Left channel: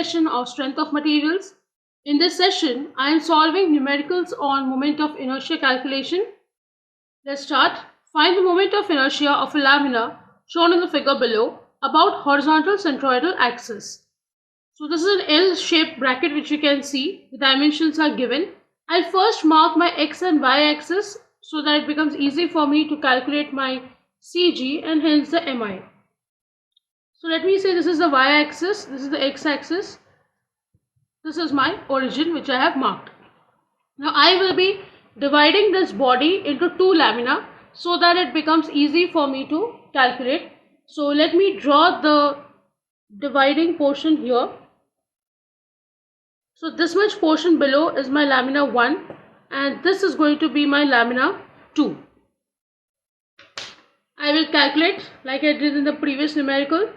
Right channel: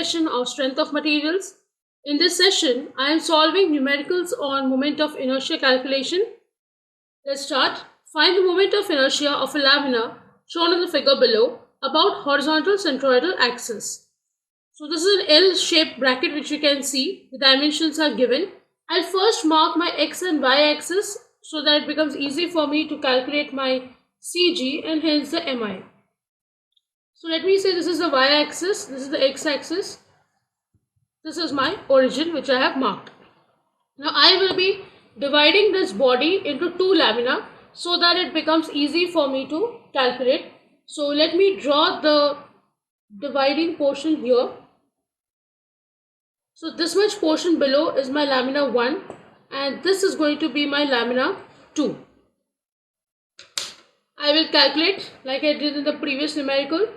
session of strength of materials. In this session, I am solving numericals on moment of inertia calculation. Let's start. Find the moment of inertia of a lamina shown in the figure below about horizontal centroidal axis. So this is an L-shaped bracket which you can see. The dimensions are given. I'll first mark my x and y axis so that it becomes easy for me to calculate my CG and hence the MI. So let me say this is the y-axis, this is the x-axis, this is my origin which I have marked. Now I will be dividing this body into two lamina so that it becomes easy for me to calculate. So let me draw the dividing portion here. So this much portion below is my lamina 1 and this is going to be my lamina 2. I will calculate like I did in the previous numerical.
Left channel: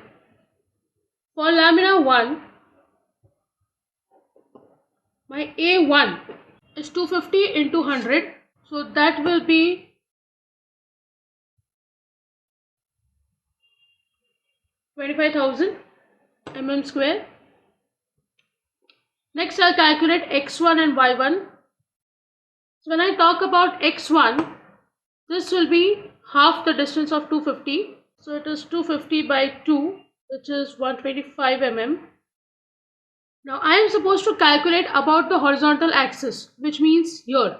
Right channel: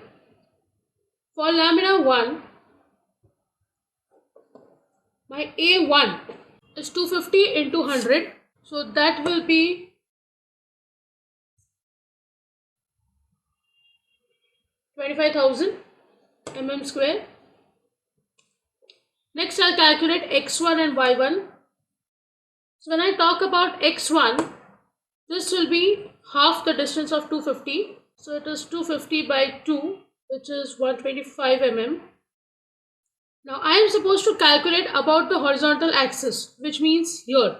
For lamina 1, my A1 is 250 into 100. So that will be 25,000 mm square. Next I'll calculate x1 and y1. So when I talk about x1, this will be half the distance of 250. So it is 250 by 2, which is 125 mm. Now I am supposed to calculate about the horizontal axis, which means here.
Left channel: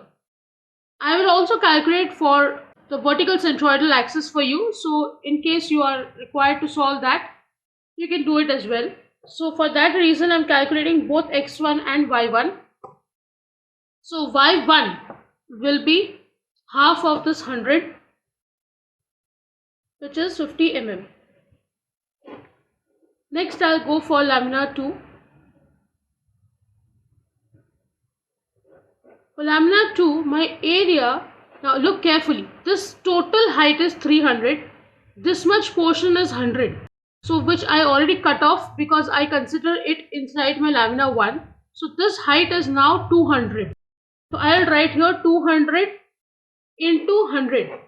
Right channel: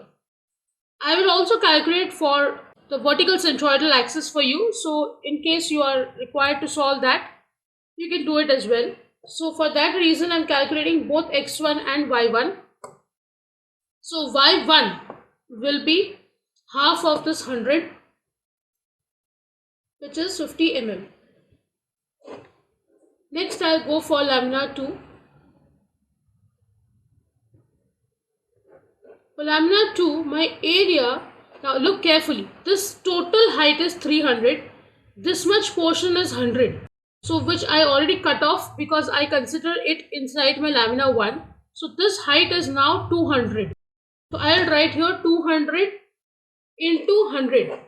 I will also calculate for the vertical centroidal axis for you. So in case you are required to solve that, you can do it as well. So for that reason, I am calculating both x1 and y1. So y1 will be half of this 100, which is 50 mm. Next, I'll go for lamina 2. For lamina 2, my area, now look carefully, this total height is 300, this much portion is 100. So which I already cut off because I consider it inside my lamina 1. So this height is now 200. So I'll write here 200 into 100,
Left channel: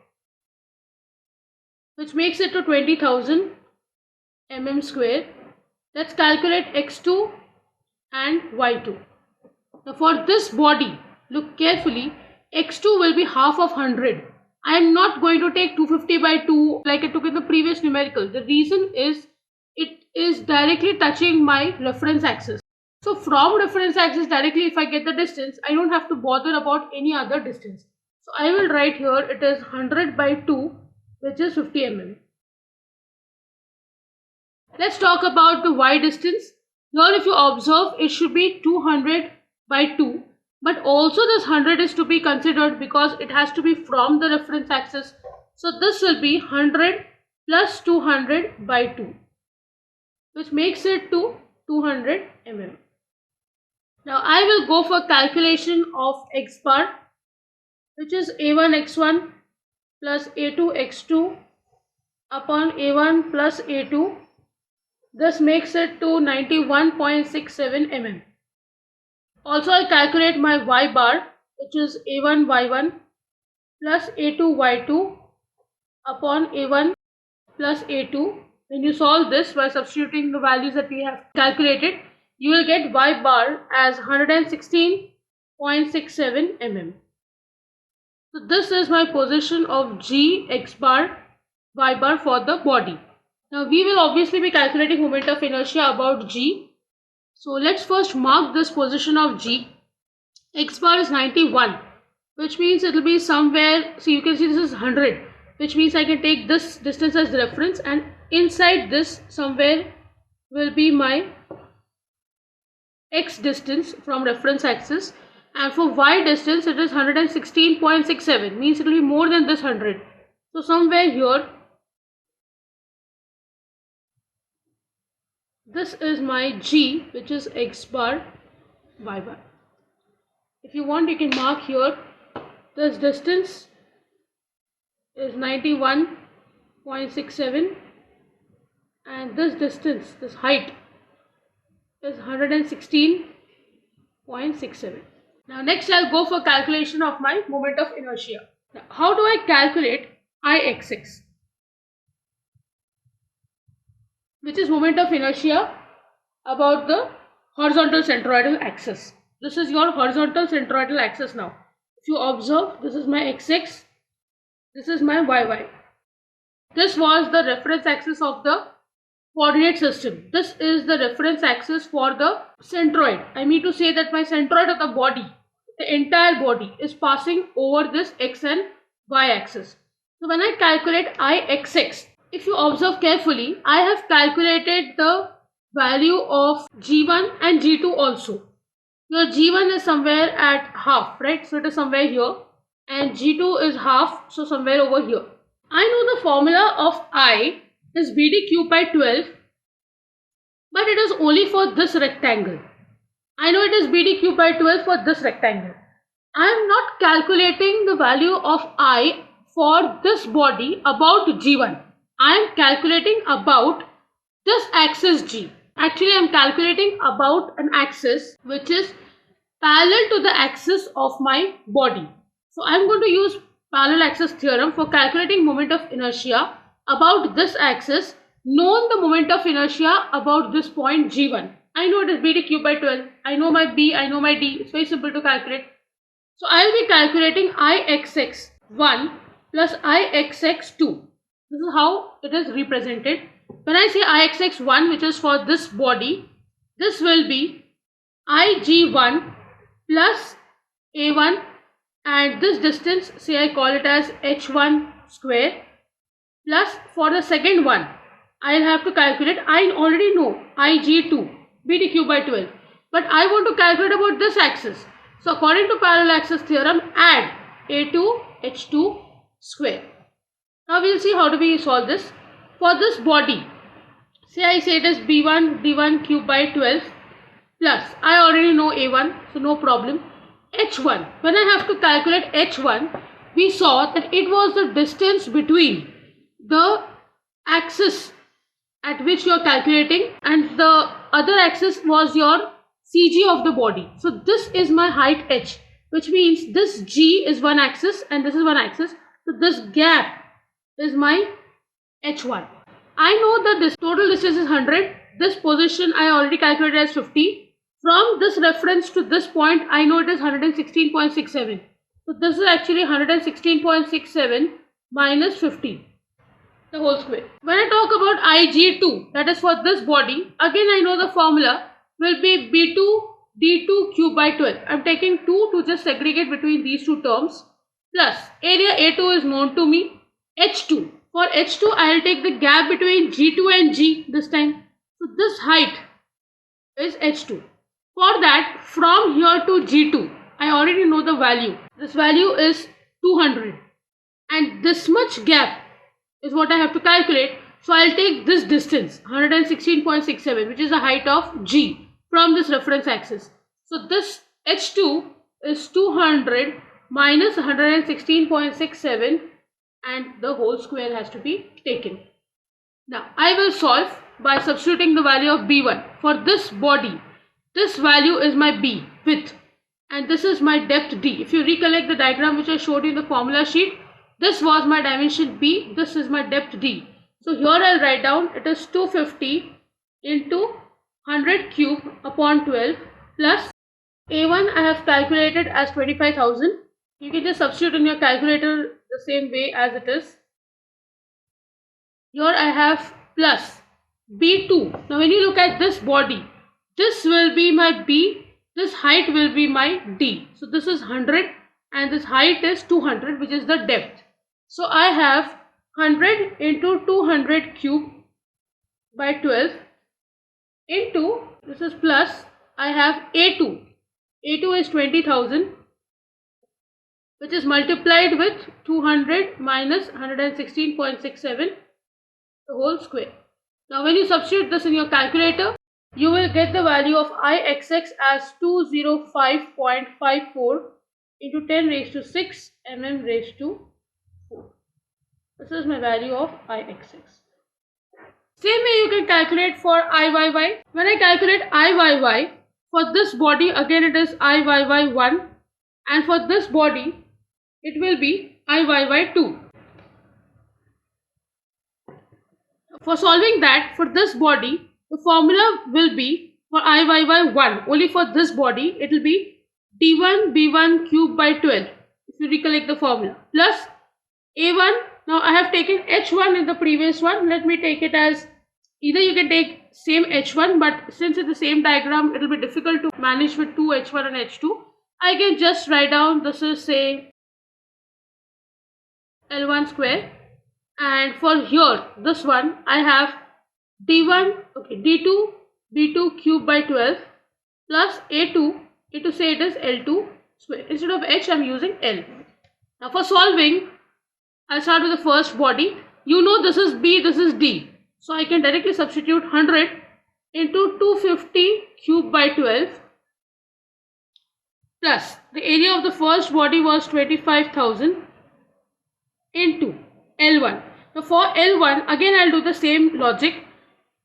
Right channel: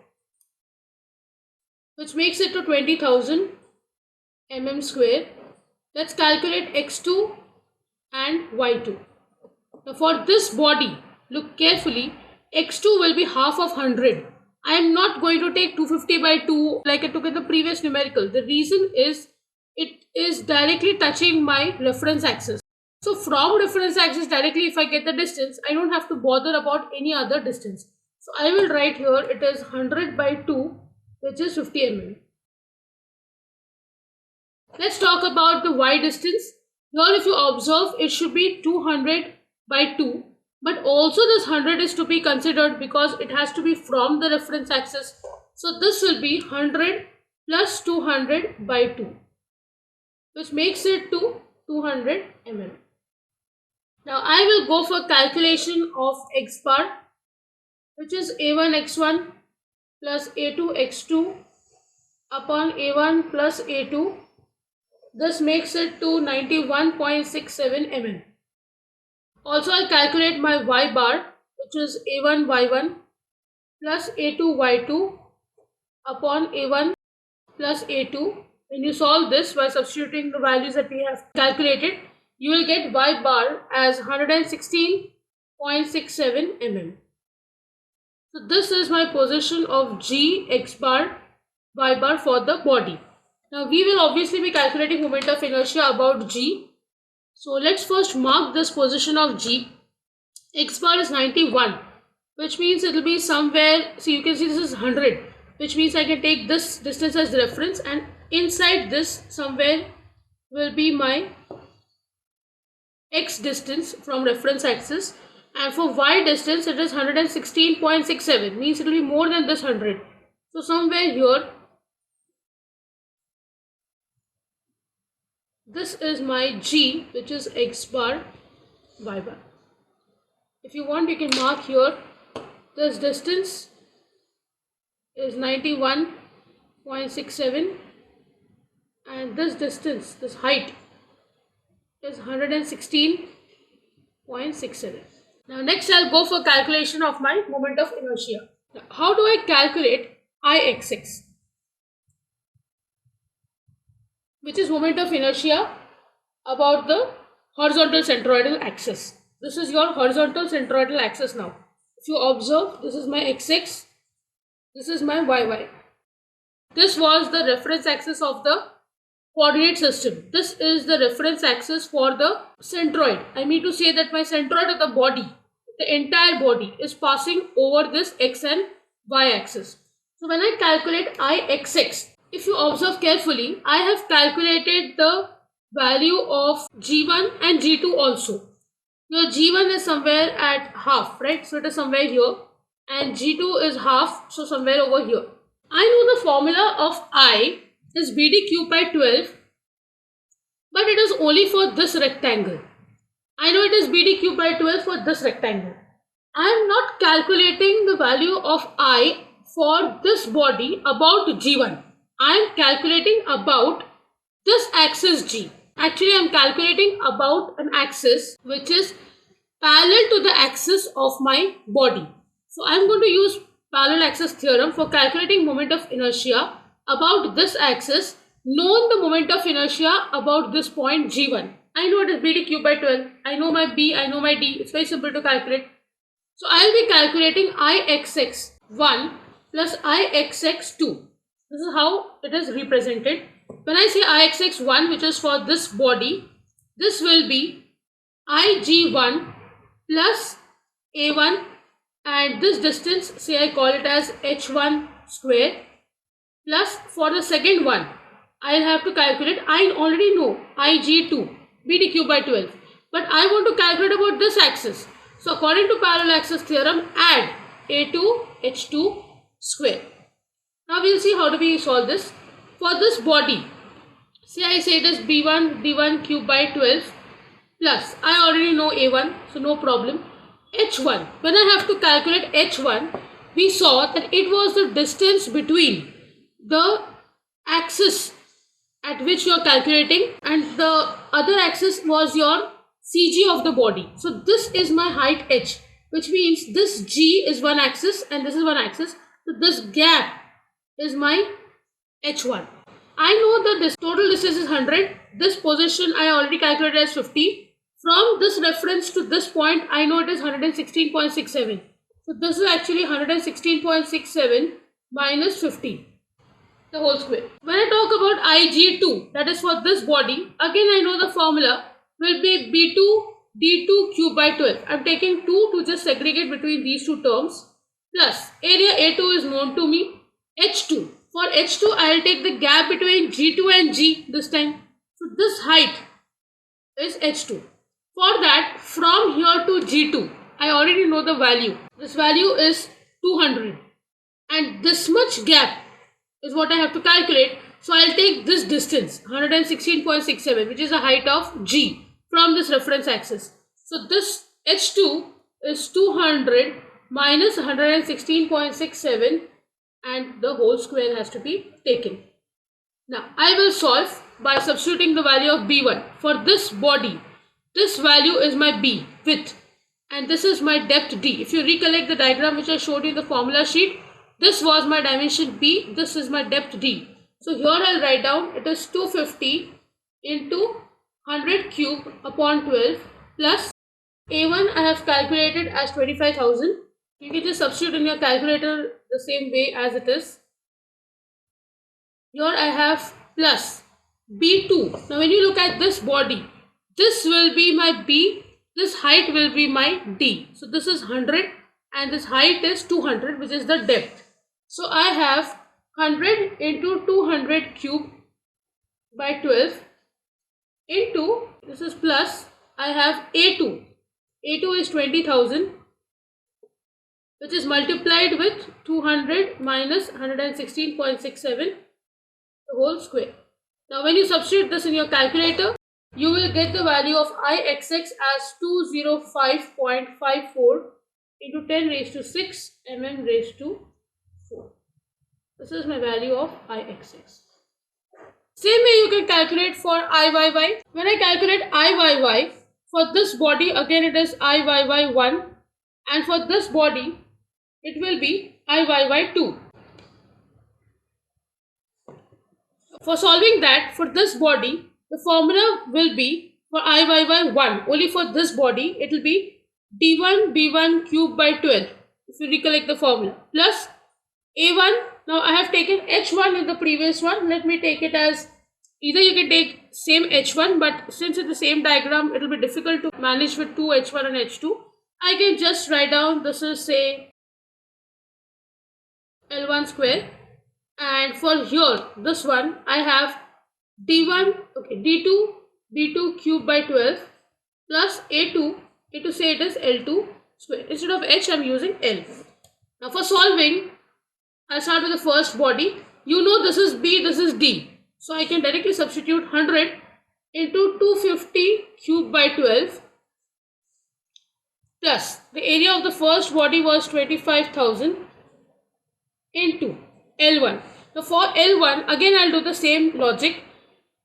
which makes it to 20,000 mm square. Let's calculate x2 and y2. Now for this body, look carefully, x2 will be half of 100. I am not going to take 250 by 2 like I took in the previous numerical. The reason is it is directly touching my reference axis. So from reference axis directly, if I get the distance, I don't have to bother about any other distance. So I will write here it is 100 by 2, which is 50 mm. Let's talk about the y distance. Here if you observe, it should be 200 by 2. But also this 100 is to be considered because it has to be from the reference axis. So this will be 100 plus 200 by 2, which makes it to 200 mm. Now I will go for calculation of x bar, which is a1 x1 plus a2 x2 upon a1 plus a2. This makes it to 91.67 mm. Also I'll calculate my y bar, which is a1 y1 plus a2 y2 upon a1 plus a2. When you solve this by substituting the values that we have calculated, you will get y bar as 116.67 mm. So this is my position of G, x bar, y bar for the body. Now we will obviously be calculating moment of inertia about G. So let's first mark this position of G. X bar is 91, which means it will be somewhere, so you can see this is 100, which means I can take this distance as reference and inside this somewhere will be my x distance from reference axis, and for y distance it is 116.67, means it will be more than this 100. So somewhere here, this is my G, which is x bar, y bar. If you want, you can mark here, this distance is 91.67 and this distance, this height is 116.67. Now next I'll go for calculation of my moment of inertia. Now, how do I calculate Ixx, which is moment of inertia about the horizontal centroidal axis. This is your horizontal centroidal axis now. If you observe, this is my x-axis, this is my y-y. This was the reference axis of the coordinate system. This is the reference axis for the centroid. I mean to say that my centroid of the body, the entire body, is passing over this x and y axis. So when I calculate Ixx, if you observe carefully, I have calculated the value of G1 and G2 also. Your G1 is somewhere at half, right? So it is somewhere here, and G2 is half, so somewhere over here. I know the formula of I is BD cube by 12, but it is only for this rectangle. I know it is BD cube by 12 for this rectangle. I am not calculating the value of I for this body about G1. I am calculating about this axis G. Actually, I am calculating about an axis which is parallel to the axis of my body. So I am going to use parallel axis theorem for calculating moment of inertia about this axis, known the moment of inertia about this point G1. I know it is BD cube by 12. I know my B, I know my D. It's very simple to calculate. So I will be calculating Ixx1 plus Ixx2. This is how it is represented. When I say Ixx1, which is for this body, this will be Ig1 plus A1, and this distance, say I call it as h1 square, plus for the second one, I'll have to calculate, I already know Ig2, BD cube by 12, but I want to calculate about this axis. So according to parallel axis theorem, add A2 H2 square. Now we'll see how do we solve this. For this body, say I say it is B1 D1 cube by 12 plus, I already know A1, so no problem. H1, when I have to calculate H1, we saw that it was the distance between the axis at which you are calculating and the other axis was your CG of the body. So this is my height h, which means this G is one axis and this is one axis. So this gap is my h1. I know that this total distance is 100. This position I already calculated as 50. From this reference to this point, I know it is 116.67. So this is actually 116.67 minus 50. The whole square. When I talk about Ig2, that is for this body, again I know the formula will be B2 D2 cube by 12. I am taking 2 to just segregate between these two terms, plus area A2 is known to me, H2. For H2, I will take the gap between G2 and G this time. So this height is H2. For that, from here to G2, I already know the value. This value is 200. And this much gap is what I have to calculate. So I'll take this distance, 116.67, which is the height of G from this reference axis. So this H2 is 200 minus 116.67 and the whole square has to be taken. Now I will solve by substituting the value of B1. For this body, this value is my B, width, and this is my depth D. If you recollect the diagram which I showed you in the formula sheet, this was my dimension B, this is my depth D. So here I'll write down it is 250 into 100 cube upon 12 plus A1 I have calculated as 25,000. You can just substitute in your calculator the same way as it is. Here I have plus B2. Now when you look at this body, this will be my B, this height will be my D. So this is 100 and this height is 200, which is the depth. So I have 100 into 200 cube by 12 into, this is plus, I have A2. A2 is 20,000, which is multiplied with 200 minus 116.67, the whole square. Now when you substitute this in your calculator, you will get the value of Ixx as 205.54 into 10 raised to 6 mm raised to 4. This is my value of Ixx. Same way you can calculate for Iyy. When I calculate Iyy, for this body again it is Iyy1 and for this body it will be Iyy2. For solving that, for this body, the formula will be For IYY 1, only for this body, it will be D1 B1 cube by 12, if you recollect the formula, plus A1. Now I have taken H1 in the previous one. Let me take it as, either you can take same H1, but since it's the same diagram, it will be difficult to manage with two H1 and H2. I can just write down, this is say L1 square, and for here, this one, I have D1, okay, D2 B2 cube by 12 plus A2 say it is L2 square. Instead of H, I am using L. Now for solving, I'll start with the first body. You know this is B, this is D. So I can directly substitute 100 into 250 cube by 12 plus the area of the first body was 25,000 into L1. Now for L1, again I'll do the same logic.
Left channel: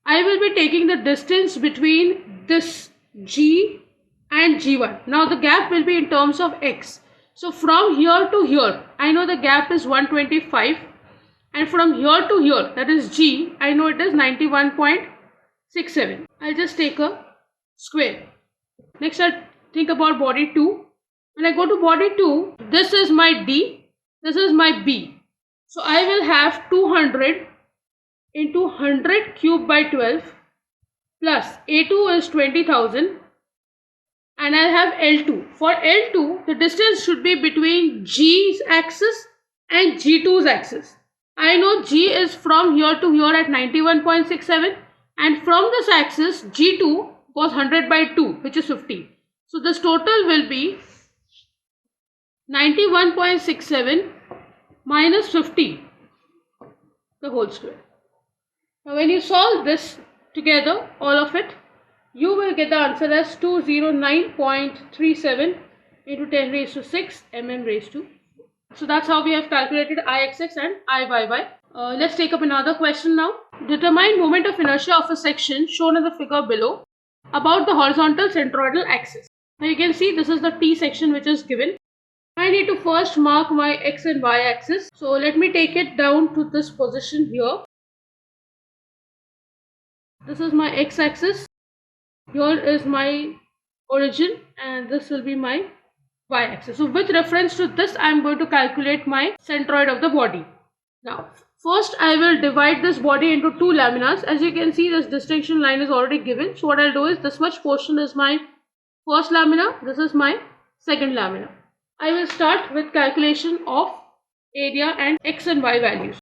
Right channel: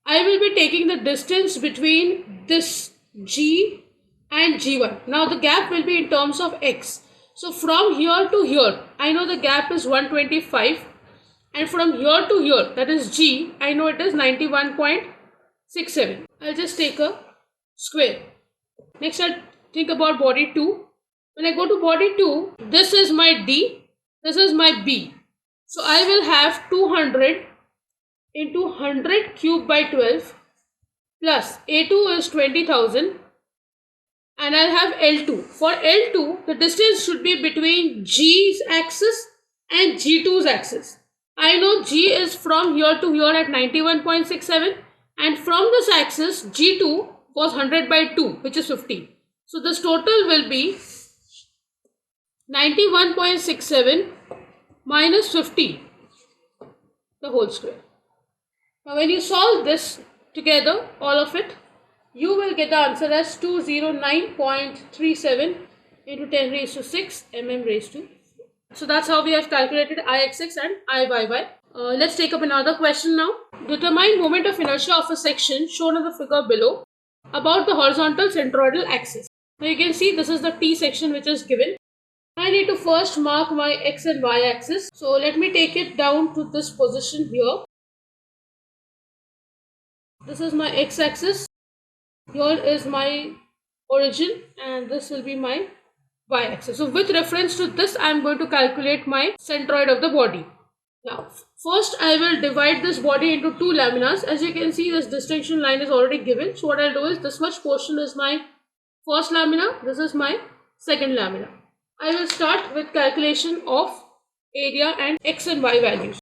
I will be taking the distance between this G and G1. Now the gap will be in terms of X. So from here to here, I know the gap is 125, and from here to here, that is G, I know it is 91.67. I'll just take a square. Next I'll think about body 2. When I go to body 2, this is my D, this is my B. So I will have 200 into 100 cube by 12 plus A2 is 20,000, and I'll have L2. For L2, the distance should be between G's axis and G2's axis. I know G is from here to here at 91.67, and from this axis G2 was 100 by 2, which is 50. So this total will be 91.67 minus 50, the whole square. Now when you solve this together, all of it, you will get the answer as 209.37 into 10 raised to 6 mm raised to 4. So that's how we have calculated Ixx and Iyy. Let's take up another question now. Determine moment of inertia of a section shown in the figure below about the horizontal centroidal axis. Now you can see this is the T section which is given. I need to first mark my X and Y axis. So let me take it down to this position here. This is my X axis. Here is my origin, and this will be my Y axis. So with reference to this, I am going to calculate my centroid of the body. Now first I will divide this body into two laminas. As you can see, this distinction line is already given. So what I'll do is, this much portion is my first lamina, this is my second lamina. I will start with calculation of area and X and Y values.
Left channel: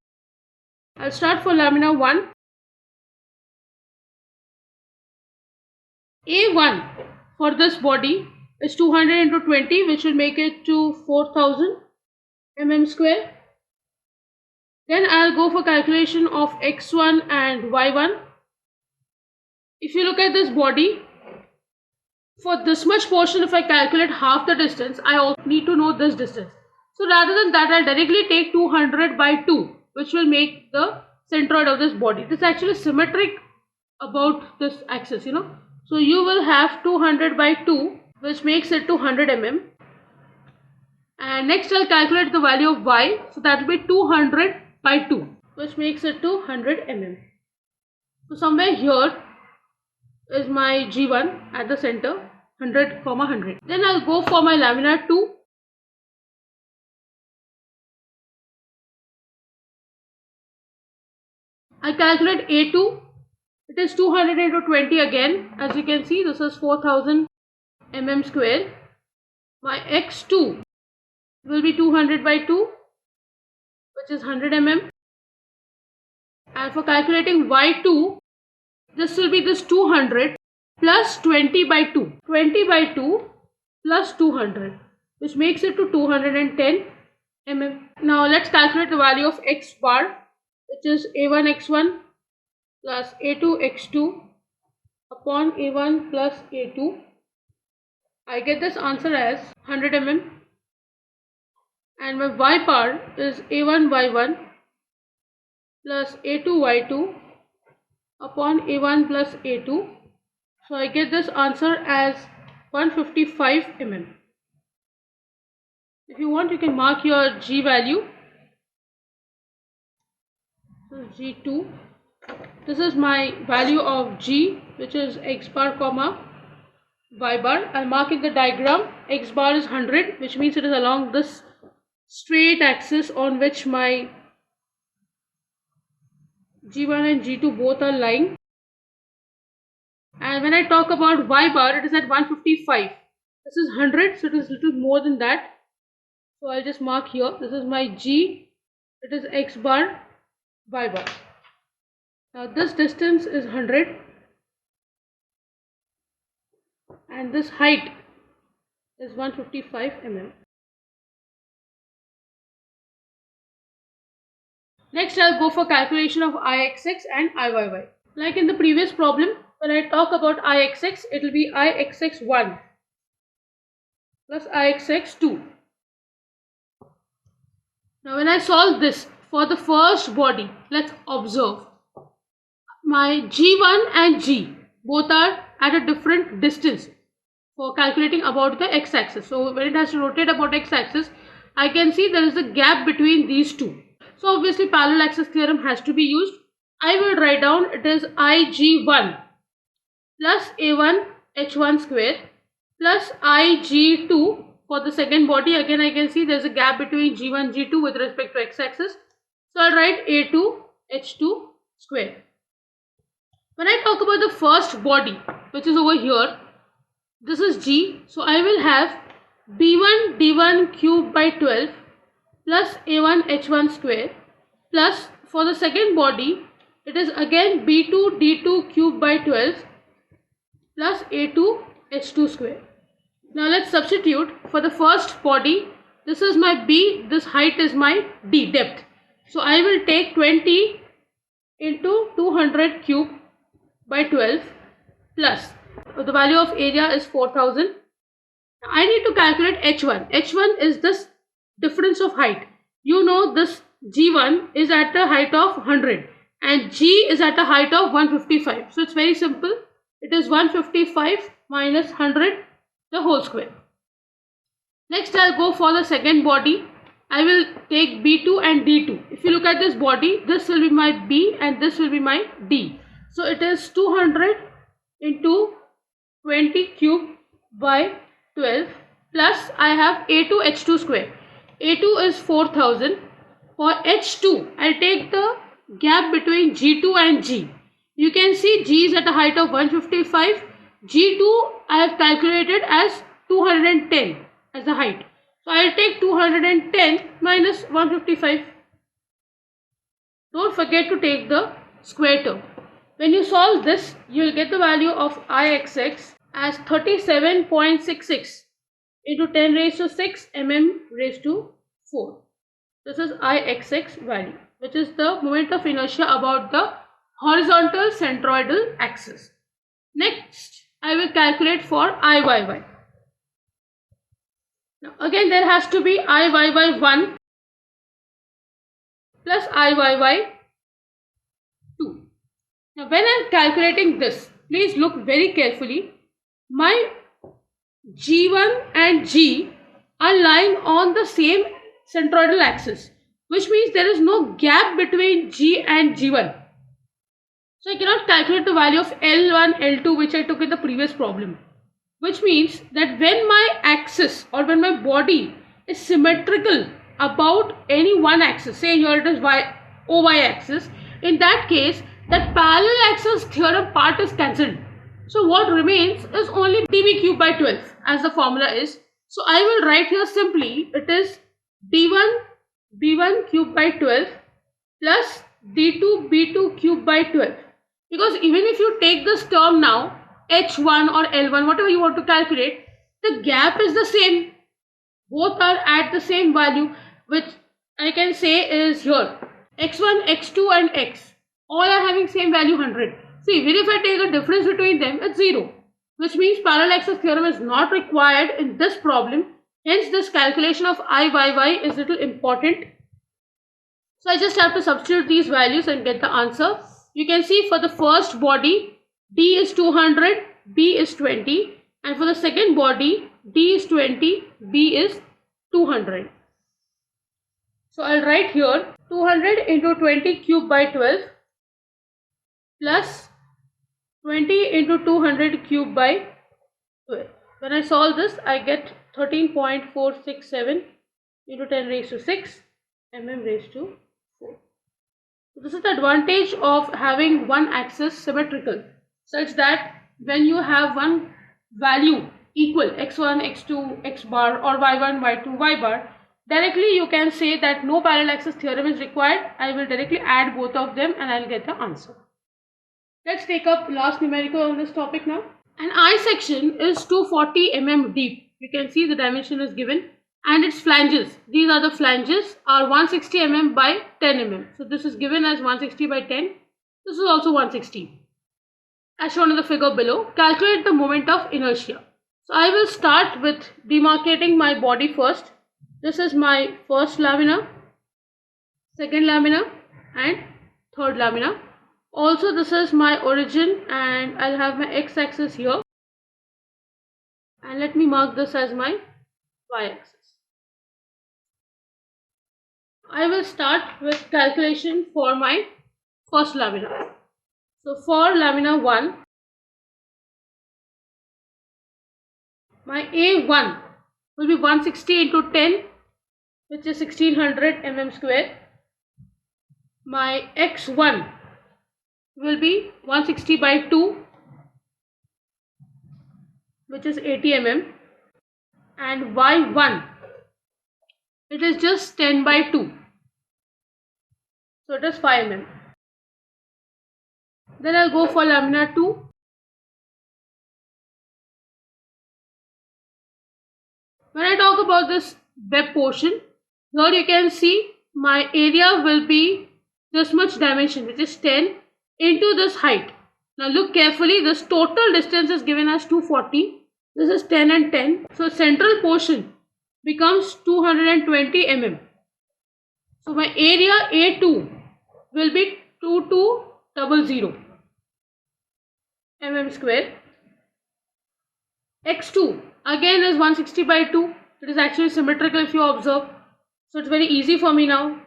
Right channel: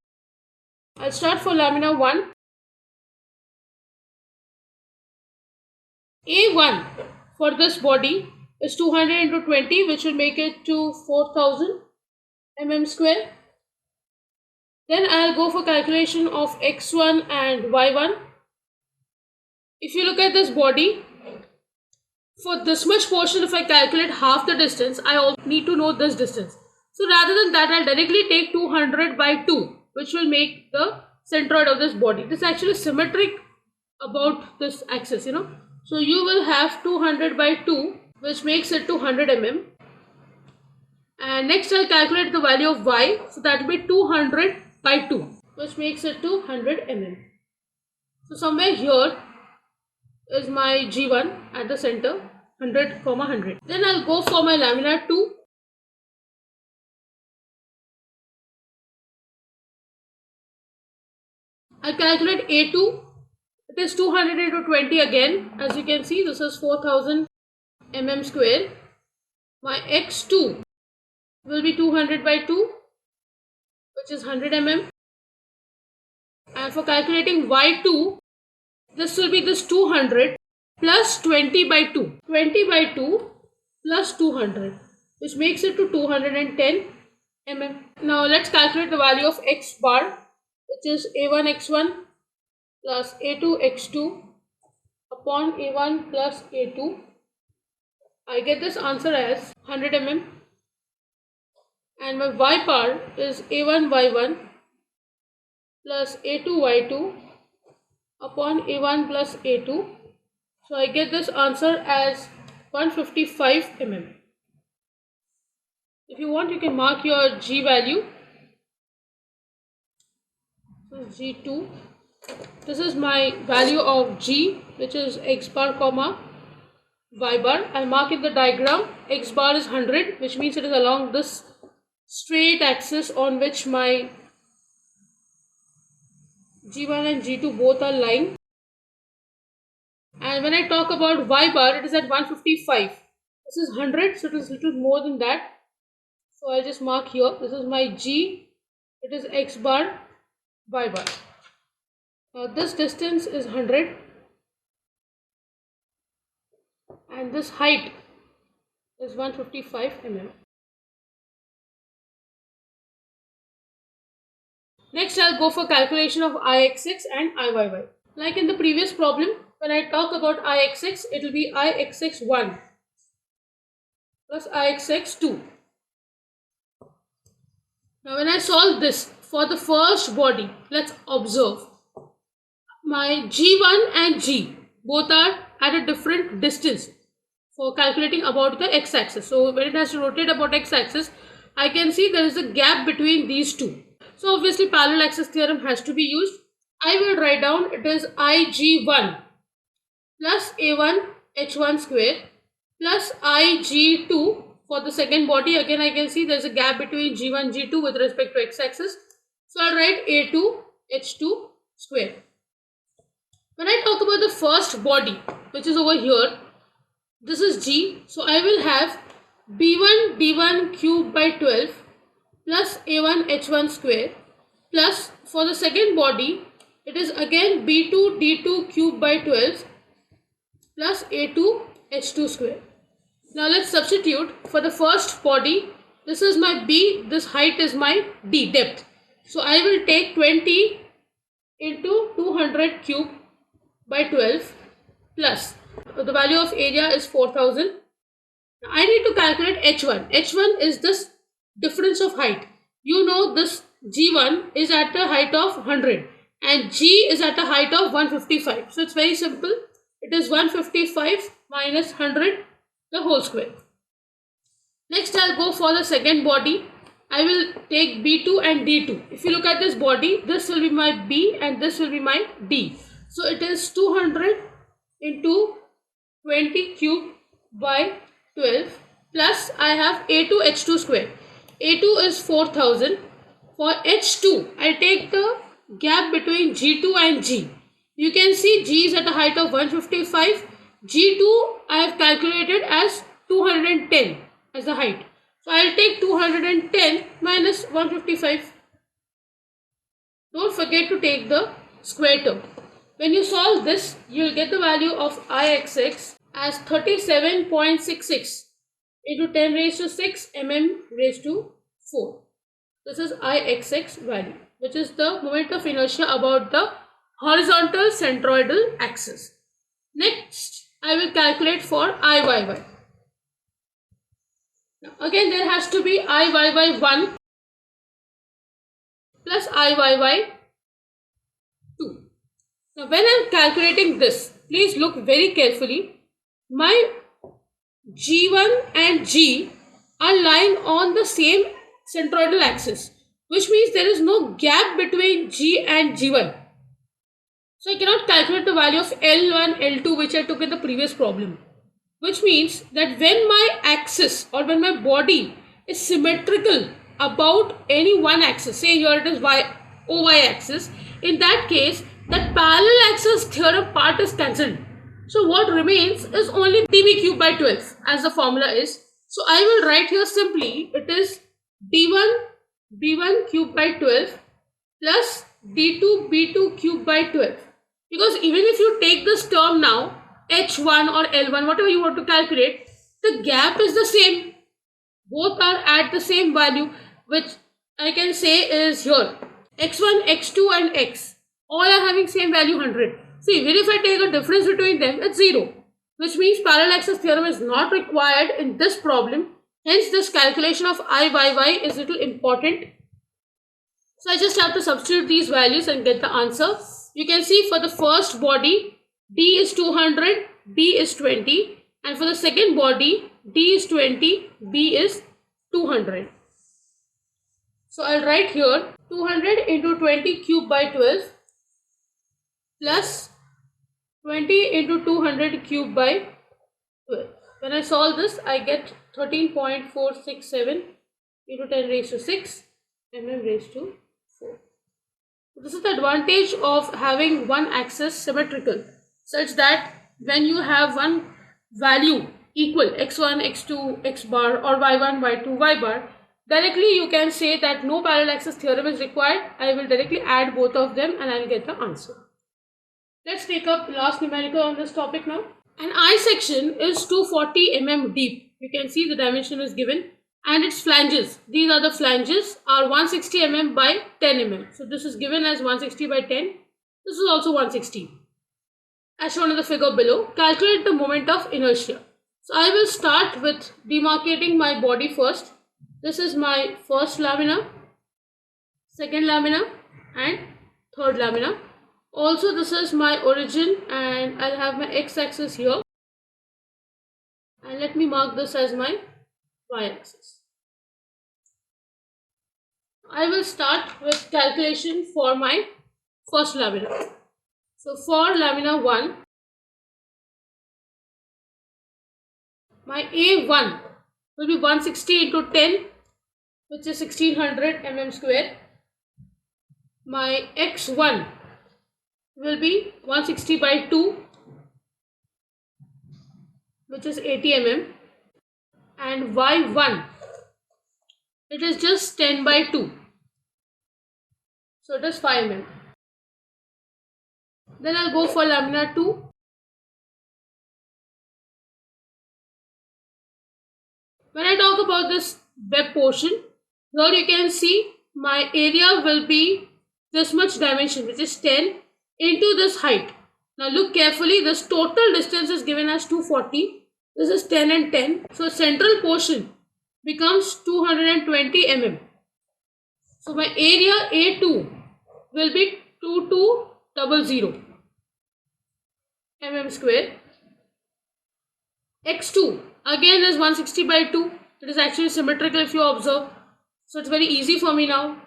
I'll start for lamina 1. A1 for this body is 200 into 20, which will make it to 4000 mm square. Then I'll go for calculation of X1 and Y1. If you look at this body, for this much portion, if I calculate half the distance, I also need to know this distance. So rather than that, I'll directly take 200 by 2, which will make the centroid of this body. This is actually symmetric about this axis, you know. So you will have 200 by 2, which makes it to 100 mm. And next I'll calculate the value of Y. So that will be 200 by 2, which makes it to 100 mm. So somewhere here is my G1 at the center, 100, 100. Then I'll go for my lamina 2. I calculate A2. It is 200 into 20 again. As you can see, this is 4000 mm square. My X2 will be 200 by 2, which is 100 mm. And for calculating Y2, this will be this 200 plus 20 by 2. 20 by 2 plus 200, which makes it to 210 mm. Now let's calculate the value of X bar, which is A1 X1 plus A2 X2 upon A1 plus A2. I get this answer as 100 mm. And my Y bar is A1 Y1 plus A2 Y2 upon A1 plus A2. So I get this answer as 155 mm. If you want, you can mark your G value. So G2. This is my value of G, which is x bar comma y bar. I'll mark in the diagram. X bar is 100, which means it is along this straight axis on which my G1 and G2 both are lying. And when I talk about y bar, it is at 155. This is 100, so it is little more than that. So I'll just mark here. This is my G. It is x bar, y bar. Now this distance is 100. And this height is 155 mm. Next, I'll go for calculation of Ixx and Iyy. Like in the previous problem, when I talk about Ixx, it will be Ixx1 plus Ixx2. Now, when I solve this for the first body, let's observe. My G1 and G both are at a different distance for calculating about the x-axis. So when it has to rotate about x-axis, I can see there is a gap between these two. So obviously parallel axis theorem has to be used. I will write down it is Ig1 plus A1 H1 square plus Ig2 for the second body. Again I can see there is a gap between G1 G2 with respect to x-axis. So I'll write A2 H2 square. When I talk about the first body, which is over here, this is G. So I will have B1 D1 cube by 12 plus A1 H1 square plus for the second body, it is again B2 D2 cube by 12 plus A2 H2 square. Now let's substitute for the first body. This is my B, this height is my D, depth. So I will take 20 into 200 cube by 12 plus the value of area is 4000. Now I need to calculate H1. H1 is this difference of height. You know this G1 is at a height of 100 and G is at a height of 155. So it's very simple. It is 155 minus 100 the whole square. Next I'll go for the second body. I will take B2 and D2. If you look at this body, this will be my B and this will be my D. So it is 200 into 20 cube by 12 plus I have A2 H2 square. A2 is 4000. For H2, I'll take the gap between G2 and G. You can see G is at a height of 155. G2 I have calculated as 210 as the height. So I'll take 210 minus 155. Don't forget to take the square term. When you solve this, you will get the value of Ixx as 37.66 into 10 raised to 6 mm raised to 4. This is Ixx value, which is the moment of inertia about the horizontal centroidal axis. Next, I will calculate for Iyy. Now, again, there has to be Iyy1 plus Iyy2. Now, when I am calculating this, please look very carefully. My G1 and G are lying on the same centroidal axis, which means there is no gap between G and G1. So I cannot calculate the value of L1, L2, which I took in the previous problem. Which means that when my axis or when my body is symmetrical about any one axis, say here it is OY axis, in that case, that parallel axis theorem part is cancelled. So what remains is only dB cube by 12 as the formula is. So I will write here simply, it is D1 B1 cube by 12 plus D2 B2 cube by 12. Because even if you take this term now, H1 or L1, whatever you want to calculate, the gap is the same. Both are at the same value, which I can say is here. X1, X2 and X. All are having same value 100. See, even if I take a difference between them, it's 0. Which means parallel axis theorem is not required in this problem. Hence, this calculation of Iyy is little important. So, I just have to substitute these values and get the answer. You can see for the first body, D is 200, B is 20. And for the second body, D is 20, B is 200. So, I'll write here 200 into 20 cube by 12 plus 20 into 200 cube by 12. When I solve this, I get 13.467 into 10 raised to 6 mm raised to 4. So this is the advantage of having one axis symmetrical, such that when you have one value equal x1, x2, x bar, or y1, y2, y bar, directly you can say that no parallel axis theorem is required. I will directly add both of them and I will get the answer. Let's take up last numerical on this topic now. An eye section is 240 mm deep. You can see the dimension is given, and its flanges, these are the flanges, are 160 mm by 10 mm. So this is given as 160 by 10. This is also 160. As shown in the figure below, calculate the moment of inertia. So I will start with demarcating my body first. This is my first lamina, second lamina, and third lamina. Also, this is my origin, and I'll have my x-axis here. And let me mark this as my y-axis. I will start with calculation for my first lamina. So for lamina 1, my A1 will be 160 into 10, which is 1600 mm square. My x1 will be 160 by 2, which is 80 mm, and y1, it is just 10 by 2, so it is 5 mm. Then I'll go for lamina 2. When I talk about this web portion, here you can see my area will be this much dimension, which is 10 into this height. Now look carefully, this total distance is given as 240. This is 10 and 10. So central portion becomes 220 mm. So my area A2 will be 2200 mm square. X2 again is 160 by 2. It is actually symmetrical if you observe. So it's very easy for me now.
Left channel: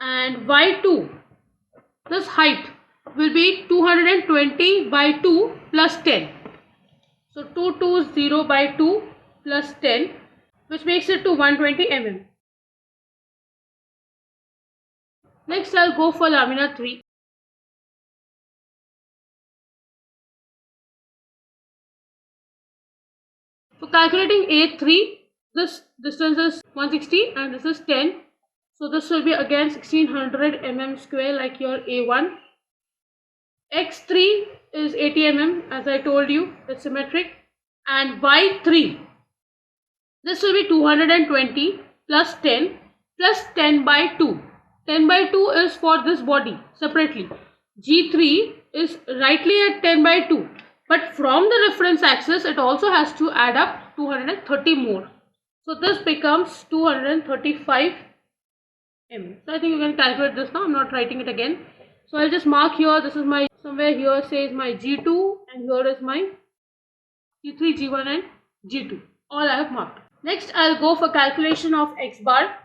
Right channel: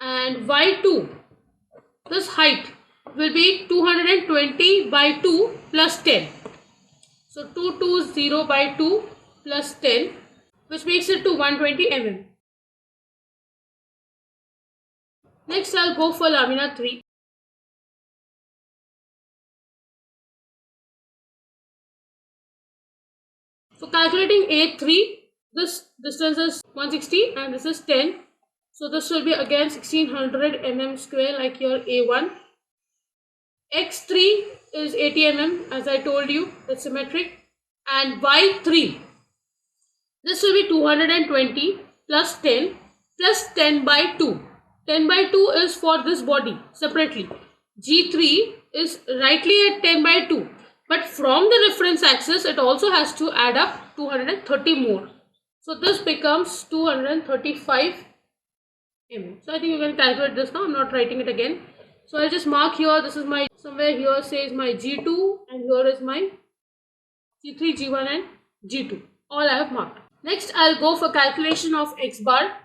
And Y2, this height will be 220 by 2 plus 10. So 220 by 2 plus 10, which makes it to 120 mm. Next I'll go for lamina 3. So calculating A3, this distance is 160 and this is 10. So this will be again 1600 mm square like your A1. X3 is 80 mm as I told you, it's symmetric. And Y3, this will be 220 plus 10 plus 10 by 2. 10 by 2 is for this body separately. G3 is rightly at 10 by 2. But from the reference axis, it also has to add up 230 more. So this becomes 235 mm. So I think you can calculate this now. I'm not writing it again. So I'll just mark here. This is my, somewhere here says my G2 and here is my G3, G1 and G2. All I have marked. Next I'll go for calculation of x bar.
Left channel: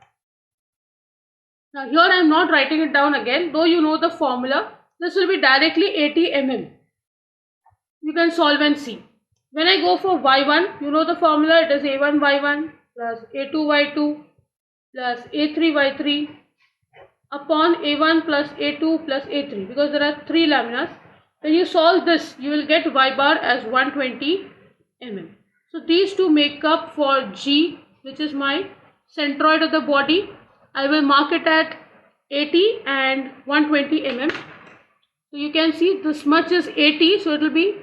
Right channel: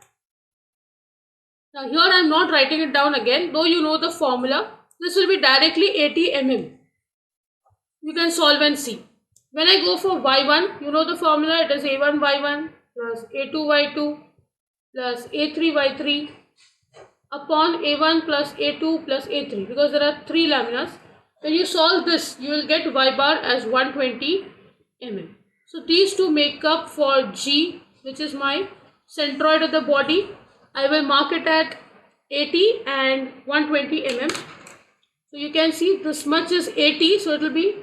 Now here I am not writing it down again, though you know the formula. This will be directly 80 mm. You can solve and see. When I go for y1, you know the formula, it is a1 y1 plus a2 y2 plus a3 y3 upon a1 plus a2 plus a3, because there are 3 laminas. When you solve this, you will get y bar as 120 mm. So these two make up for G, which is my centroid of the body. I will mark it at 80 and 120 mm. So you can see this much is 80, so it will be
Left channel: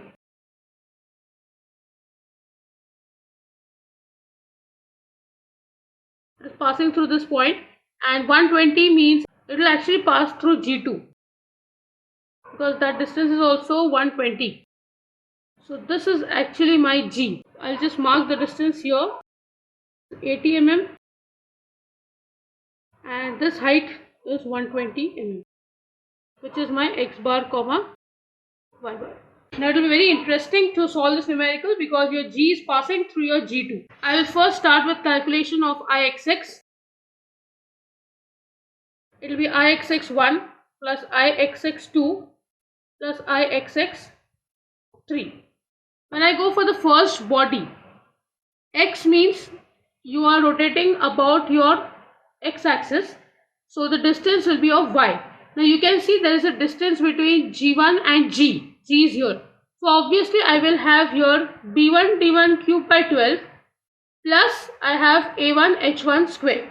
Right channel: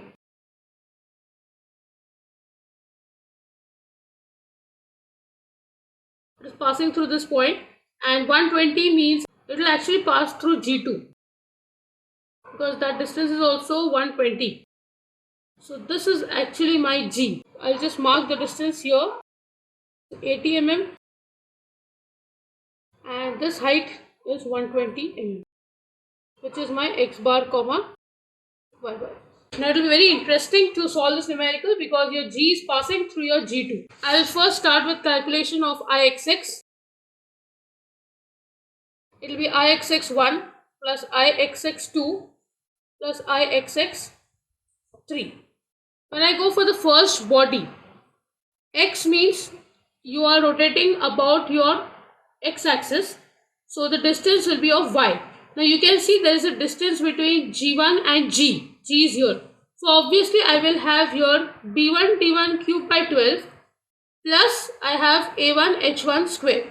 it is passing through this point, and 120 means it will actually pass through G2 because that distance is also 120. So this is actually my G. I'll just mark the distance here, 80 mm, and this height is 120 mm, which is my x bar comma y bar. Now it will be very interesting to solve this numerical because your G is passing through your G2. I will first start with calculation of Ixx. It will be Ixx1 plus Ixx2 plus Ixx 3. When I go for the first body, x means you are rotating about your x-axis, so the distance will be of y. Now you can see there is a distance between g1 and g. G is here. So obviously I will have here b1 d1 cube by 12 plus I have a1 h1 square.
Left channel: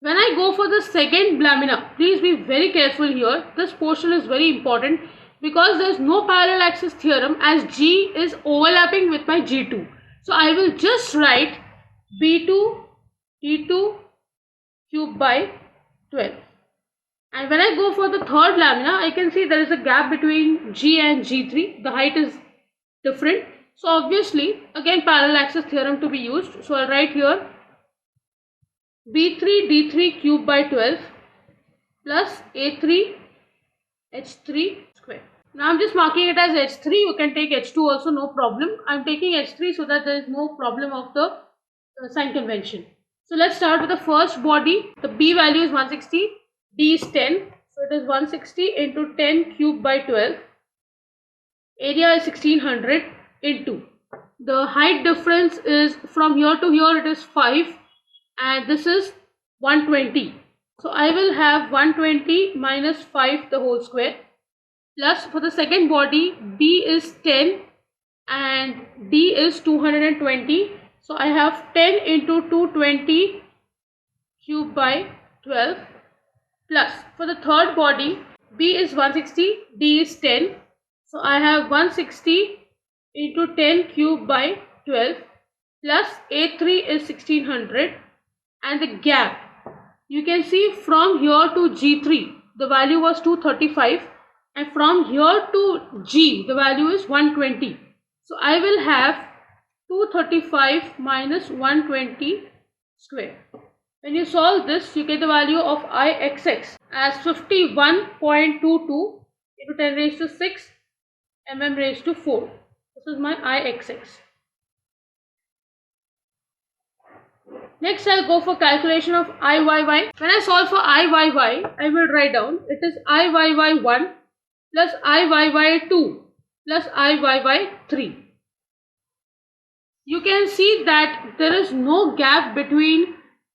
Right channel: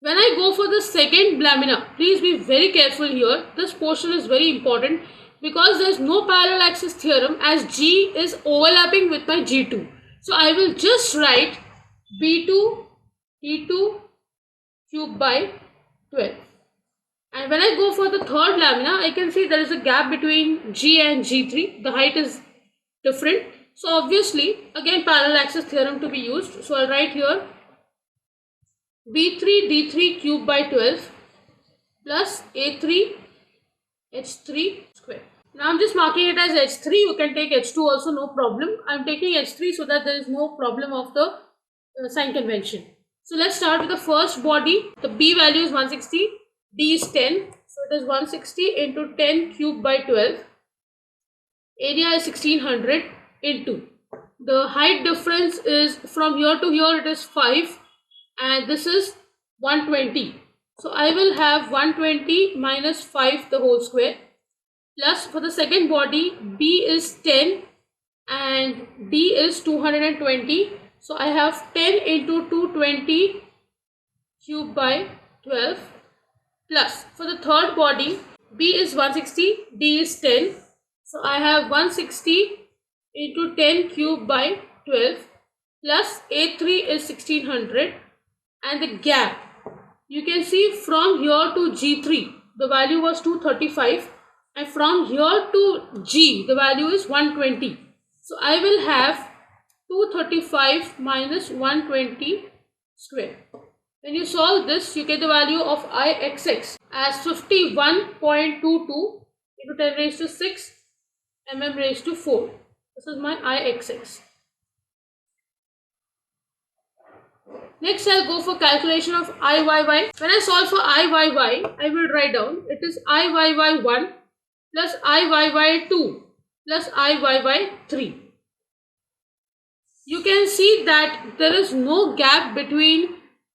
When I go for the second lamina, please be very careful here. This portion is very important because there is no parallel axis theorem as G is overlapping with my G2. So I will just write B2 T2 cube by 12. And when I go for the third lamina, I can see there is a gap between G and G3. The height is different. So obviously, again parallel axis theorem to be used. So I'll write here B3 D3 cube by 12 plus A3 H3 square. Now I'm just marking it as H3. You can take H2 also, no problem. I'm taking H3 so that there is no problem of the sign convention. So let's start with the first body. The B value is 160, D is 10. So it is 160 into 10 cube by 12. Area is 1600 into. The height difference is from here to here it is 5 and this is 120. So I will have 120 minus 5 the whole square plus for the second body B is 10 and D is 220. So I have 10 into 220 cube by 12 plus for the third body B is 160, D is 10. So I have 160 into 10 cube by 12 plus A3 is 1600 and the gap you can see from here to G3 the value was 235 and from here to G the value is 120. So I will have 235 minus 120 square. When you solve this, you get the value of Ixx as 51.22 into 10 raised to 6 mm raised to 4. This is my Ixx. Next, I'll go for calculation of Iyy. When I solve for Iyy, I will write down it is Iyy1 plus Iyy2 plus Iyy3. You can see that there is no gap between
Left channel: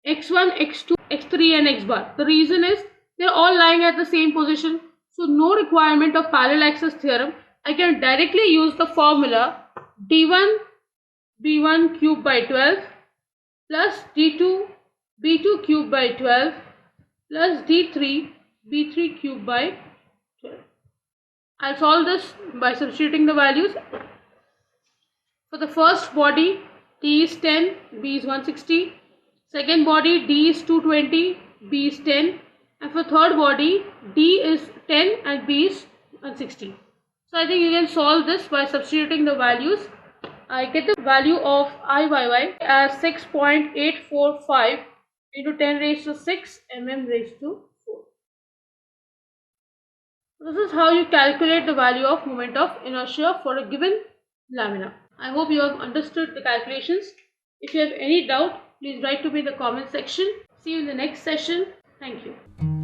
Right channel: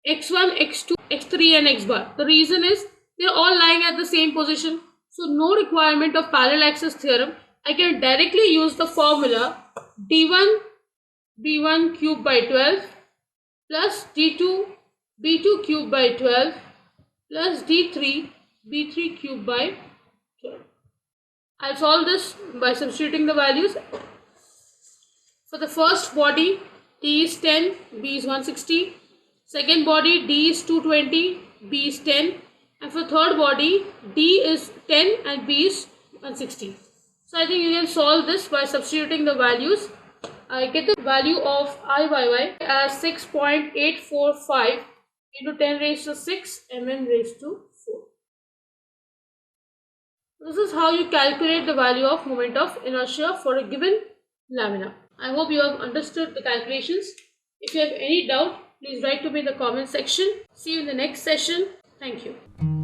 x1, x2, x3 and x bar. The reason is they are all lying at the same position. So no requirement of parallel axis theorem. I can directly use the formula d1 b1 cube by 12 plus d2 b2 cube by 12 plus d3 b3 cube by 12. I'll solve this by substituting the values. For the first body, D is 10, B is 160. Second body, D is 220, B is 10. And for third body, D is 10 and B is 160. So I think you can solve this by substituting the values. I get the value of Iyy as 6.845 into 10 raised to 6 mm raised to 4. This is how you calculate the value of moment of inertia for a given lamina. I hope you have understood the calculations. If you have any doubt, please write to me in the comment section. See you in the next session. Thank you.